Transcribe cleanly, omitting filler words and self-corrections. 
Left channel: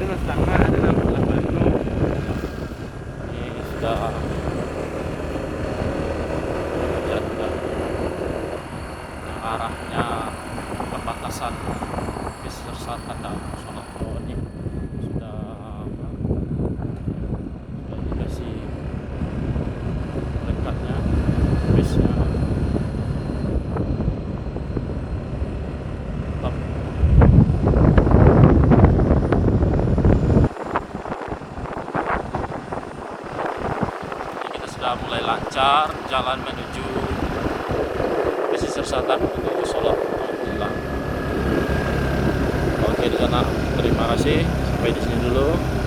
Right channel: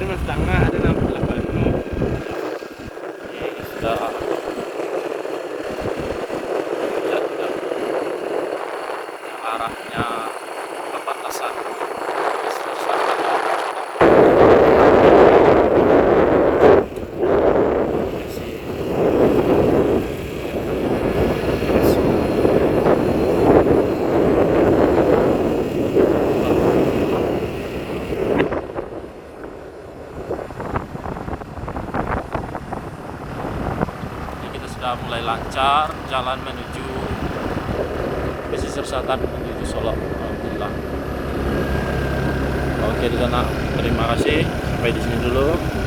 dengan sedangkan dengan pelan-pelan Ini sudah jatuh yang arahnya perbatasan Pesisir Selatan dan kasih perintahnya kita sudah mulai lancar jalan menuju pesisir selatan menuju Solo. Alhamdulillah. Oke di sana, terima kasih. Sampai di sini dulu.